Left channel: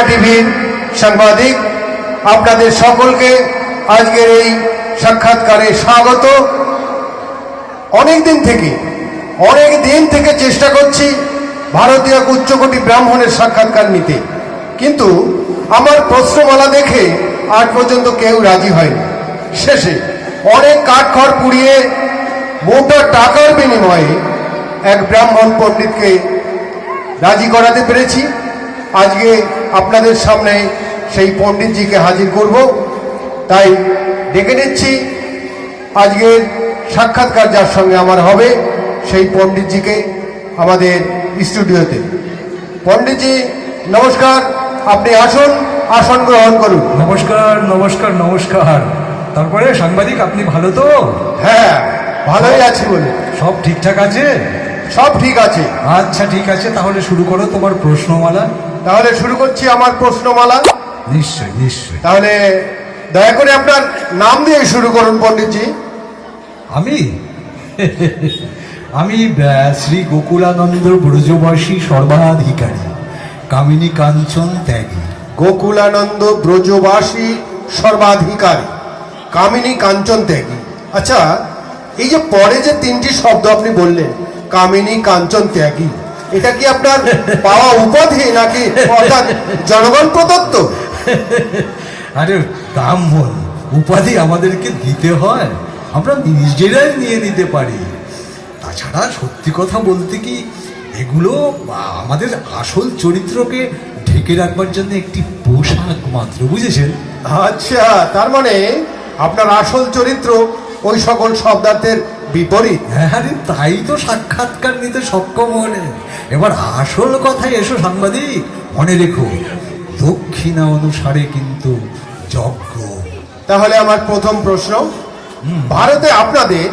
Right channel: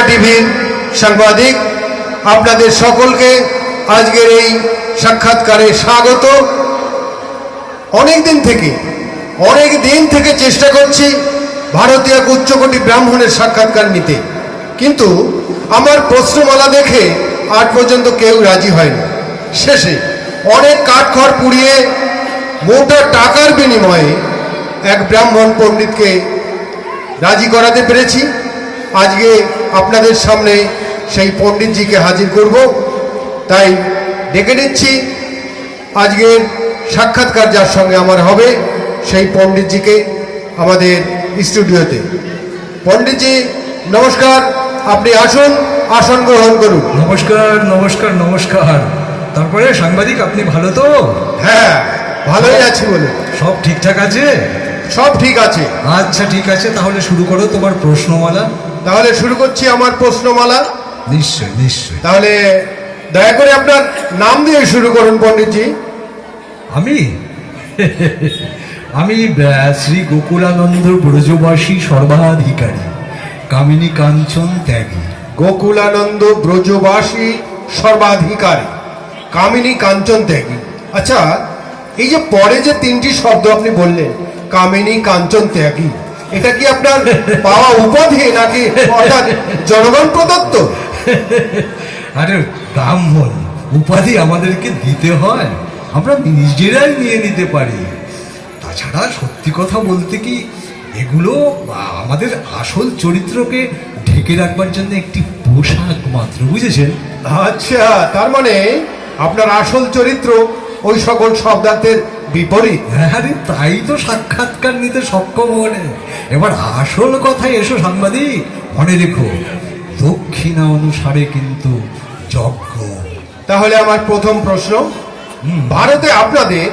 বর্ষা টিভির সাংবাদিক, আপনাদের সকলকে আজকের এই সাক্ষাৎকারে স্বাগত। অনেক দিন থেকে, অনেক দিন থেকে চেষ্টা করছি ভারতীয় উচ্চকোটি ব্রাহ্মণের সাক্ষাৎকার নিতে। কিন্তু আমার প্রশ্নমালা দেখে আজ পর্যন্ত কেউ রাজি হয়নি। শেষে অনেক কাঠখড় পুড়িয়ে মোটা টাকার বিনিময়ে এক ব্রাহ্মণ পণ্ডিতকে রাজি করাতে পেরেছি। আজকে আপনাদের সামনে সেই পণ্ডিতজিকে হাজির করব। তাই ডেকে নিচ্ছি। আজকের সাক্ষাৎকার যার সঙ্গে আমার হবে সেই পণ্ডিতজিকে আমাদের স্টুডিওতে। পণ্ডিতজি নমস্কার। আপনি আসুন আসন গ্রহণ করুন। নমস্কার নমস্কার নমস্কার। তারপরে সাংবাদিক আপনি ভালো তো? হ্যাঁ ভালোই আছি বলে। সব ঠিকঠাক আছে? সব ঠিক আছে। আচ্ছা ঠিক আছে। তাহলে শুরু করো তোমার প্রশ্নমালা। তাহলে শুরু করছি আমার প্রশ্নমালা। নিশ্চয় নিশ্চয়। তাহলে দয়া করে আপনার নাম দিয়ে শুরু করুন পণ্ডিতজি। আমি? আমি শ্রী গোকুলানন্দ ব্রজবাসী সর্বাধিকারী। কামিনী কাঞ্চন ত্যাগী। গোকুলানন্দ ব্রজবাসী সর্বাধিকারী। কামিনী কাঞ্চন ত্যাগী। আচ্ছা এই যে পরে যে তিনটি শব্দ আপনি বললেন কামিনী কাঞ্চন ত্যাগী এটা কি আপনার পাওয়া উপাধি নাকি অর্থাৎ জনগণ প্রদত্ত? আরে ব্রাহ্মণ উপাধি আমাদেরকে দিতে হয়। আমরা নিজেরাই নিয়ে নিতে পারি। তাছাড়া সত্যি কথা বলতে কি এগুলো আমাদের আসল চরিত্রকে ঢেকে রাখবার জন্য একটি পোশাক মাত্র বুঝেছেন? আচ্ছা তার মানে আপনার আসল চরিত্র ওই সকল শব্দার্থের বিপরীত। আরে তাই তো সাক্ষাৎকার নিতে সক্ষম হলে। এবার আসল কথায় এসো সাংবাদিক মনে রেখো দক্ষিণা অনুসারে কিন্তু যজ্ঞ। তাহলে আমার প্রথম প্রশ্ন ভারতে আপনাদের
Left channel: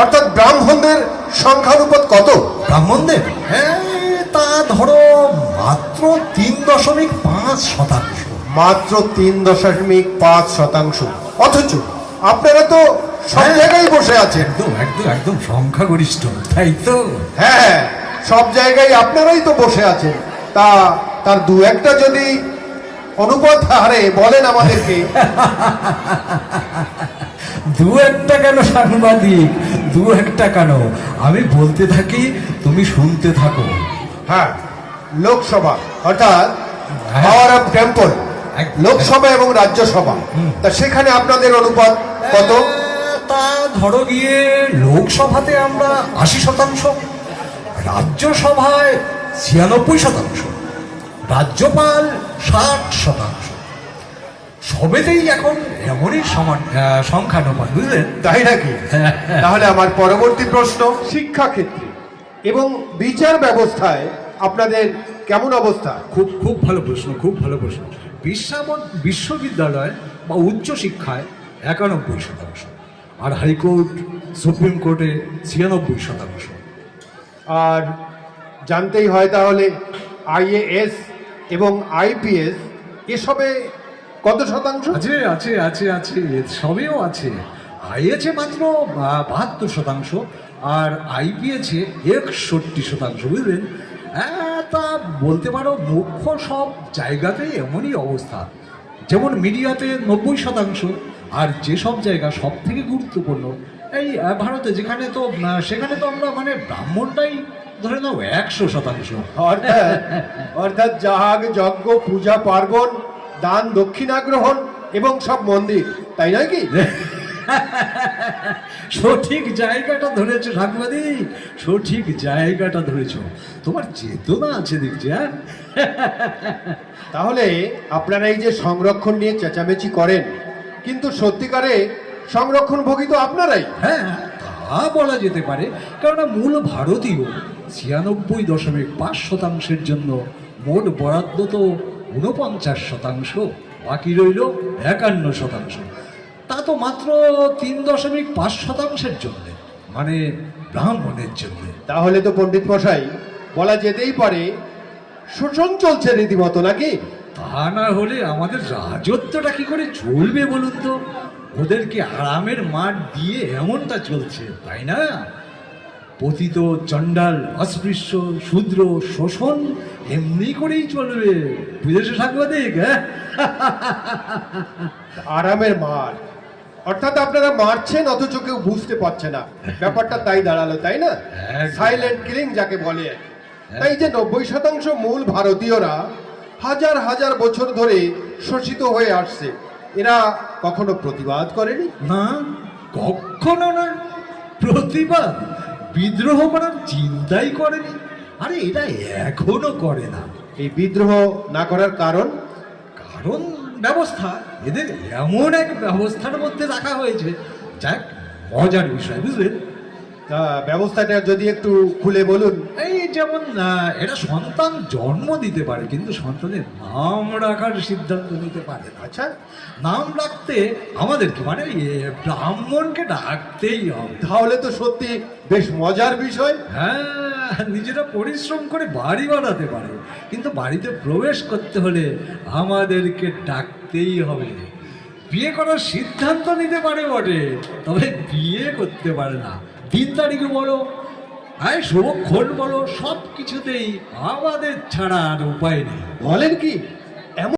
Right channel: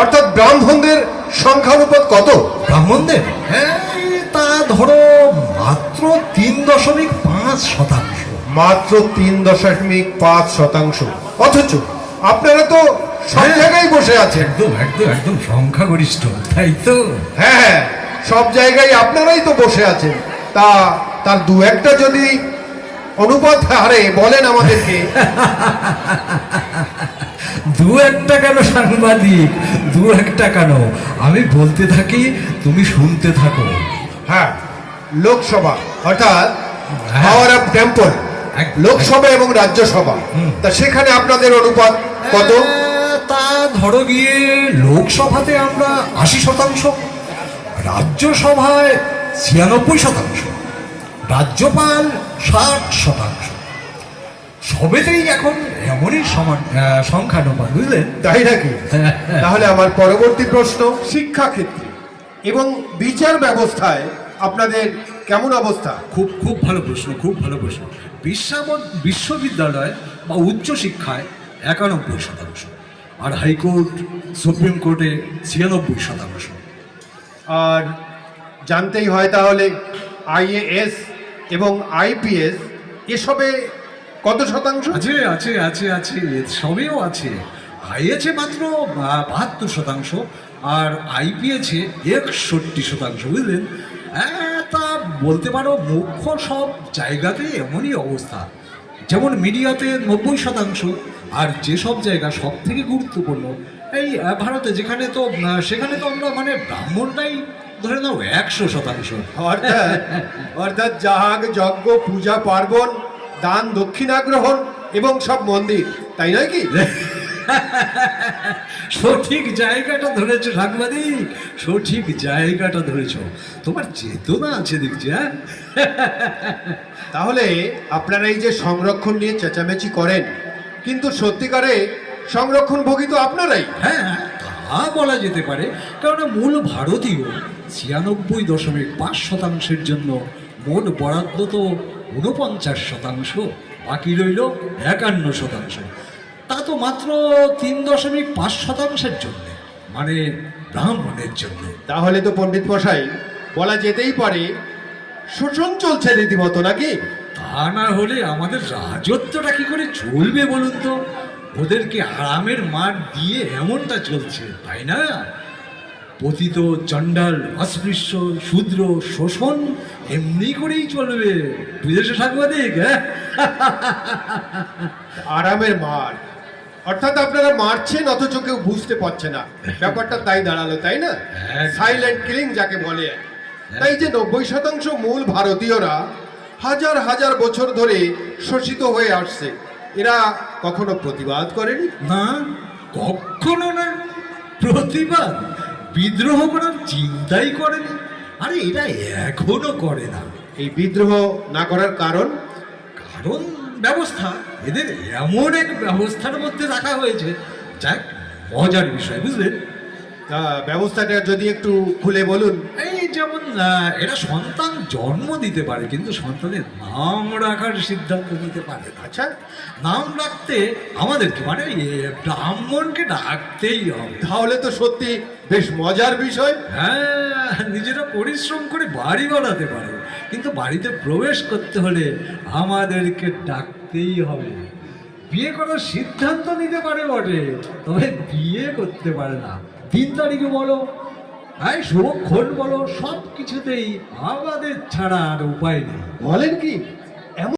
অর্থাৎ ব্রাহ্মণদের সংখ্যানুপাত কত? ব্রাহ্মণদের? হ্যাঁ তা ধরো মাত্র তিন দশমিক পাঁচ শতাংশ। মাত্র তিন দশমিক পাঁচ শতাংশ। অথচ আপনারা তো সব। জায়গায় বসে আছেন। একদম একদম একদম সংখ্যাগরিষ্ঠ তাই তো? হ্যাঁ হ্যাঁ সব জায়গায় আপনারাই তো বসে আছেন। তা তার দু একটা যদি অনুপাত হারে বলেন আমাদেরকে। দু একটা কেন সাংবাদিক? দু একটা কেন? আমি বলতে থাকি তুমি শুনতে থাকো। হ্যাঁ লোকসভা অর্থাৎ। পাওয়ার অফ টেম্পল লোকসভা এবং রাজ্যসভা। তা সেখানে আপনাদের অনুপাত কত? তা ধরো গিয়ে লোকসভাতে আমরা আশি শতাংশ রাজ্যসভায় ছিয়ানব্বই শতাংশ রাজ্যপাল ষাট শতাংশ। সবেতেই এখন এমনই সংখ্যানুপাত বুঝলেন? তাই নাকি? হ্যাঁ। তাহলে আমার পরবর্তী প্রশ্ন শিক্ষা ক্ষেত্রে এবং বিচার ব্যবস্থায় আপনাদের কেমন অবস্থা? খুব খুব ভালো প্রশ্ন খুব ভালো প্রশ্ন। বিশ্বাবন বিশ্ববিদ্যালয় বা উচ্চশিক্ষায় একানব্বই শতাংশ। আর হাইকোর্ট সুপ্রিম কোর্টে ছিয়ানব্বই শতাংশ। আর জানতেই হয় তাহলে আইএএস এবং আইপিএস এসবে কত শতাংশ? আছে আছে আছে আছে সবেও আছে। আইএছে মাত্র বাহাত্তর শতাংশ আর আইপিএছে একষট্টি শতাংশ বুঝলেন? হ্যাঁ, তা বলতে পারো মুখ্য সব জায়গাতেই এমনই অবস্থা। যেমন মিডিয়াতে নব্বই শতাংশ আর যেসব জায়গা সব থেকে গুরুত্বপূর্ণ এই ভারতে যেখানে তো সেখানে তো আমরা মানে ব্রাহ্মণটাই ধরে নাও একশো শতাংশ। অর্থাৎ যাগ যজ্ঞ পূজা পার্বণ দান দক্ষিণা গ্রহণ এবং সব মন্দির তাই নয় কি? সঠিক জায়গাটা ধরেছো সাংবাদিক সঠিক জায়গাটা ধরেছো। তোমার চেতনা আছে দেখছি হ্যাঁ? তাহলে আপনারা এই যে সংরক্ষণ নিয়ে চেঁচামেচি করেন কিন্তু সত্যিকারে সংরক্ষণ ভোগী তো আপনারাই। হ্যাঁ তা বলা যেতে পারে কেননা মূল ভারতীয় ছিয়ানব্বই দশমিক পাঁচ শতাংশের জন্য মোট বরাদ্দ তো ঊনপঞ্চাশ শতাংশ বাকি রইল একান্ন শতাংশ। তা তো মাত্র তিন দশমিক পাঁচ শতাংশের জন্য মানে ব্রাহ্মণের জন্যে। তাহলে তো পণ্ডিত মশাই বলা যেতেই পারে শোষণ চলছে রীতিমতো নাকি? তা না হলে আমাদের রাজত্বটা কি করে চলবে বলুন তো? ওদেরকে আরামের মাঠ দিয়ে এমনটা চলছে তাই না? পতিত চণ্ডাল অস্পৃশ্য শূদ্র শোষণ এমনি করেই চলবে। বুঝেছ সাংবাদিক হ্যাঁ? আরামের মার অর্থাৎ আপনারা মারছেন অথচ কেউ বুঝতে পারছে না। ব্যাপারটা তাই দাঁড়াল তাই না। সাইলেন্ট কিলিং যাকে বলে। এই যে নব্বই শতাংশ মূল ভারতীয়রা হাজার হাজার বছর ধরে শোষিত হয়ে আসছে এরা কখনো প্রতিবাদ করেনি? না কখনো না। প্রতিবাদ বিদ্রোহ করার চিন্তাই করেনি। আরে এরা এখনও করে না। এই বিদ্রোহ না করার কারণ? কারণ ব্যবস্থা এদের এমন এক ব্যবস্থার মধ্যে রাখা হয়েছে। যাক মজার বিষয় বুঝলেন তা ব্যবস্থাটা যদি একটু খুলে বলুন। এই যেমন এরা সন্তান জন্ম দিতে পারে কিন্তু সন্তানের নাম রাখার সিদ্ধান্ত নিতে পারে। আচ্ছা নাম রাখতে আমাদেরকে মানে ব্রাহ্মণকে ডাকতেই হবে। তাহলে তো সত্যি বেশ মজার বিষয়। হ্যাঁ নিজেরা পরিশ্রম করে বাড়ি বানাতে পারে। কিন্তু বাড়িতে প্রবেশ করতে হলে আমাদেরকে ডাকতেই হবে। বিয়ে করার সিদ্ধান্ত নিতে পারে বটে, তবে বিয়ে করতে পারে না। দিন তারিখে বলো আয় শুভক্ষণ বলো সব কিছুতেই আমাদের ছাড়া আর উপায় নেই। বলেন কি?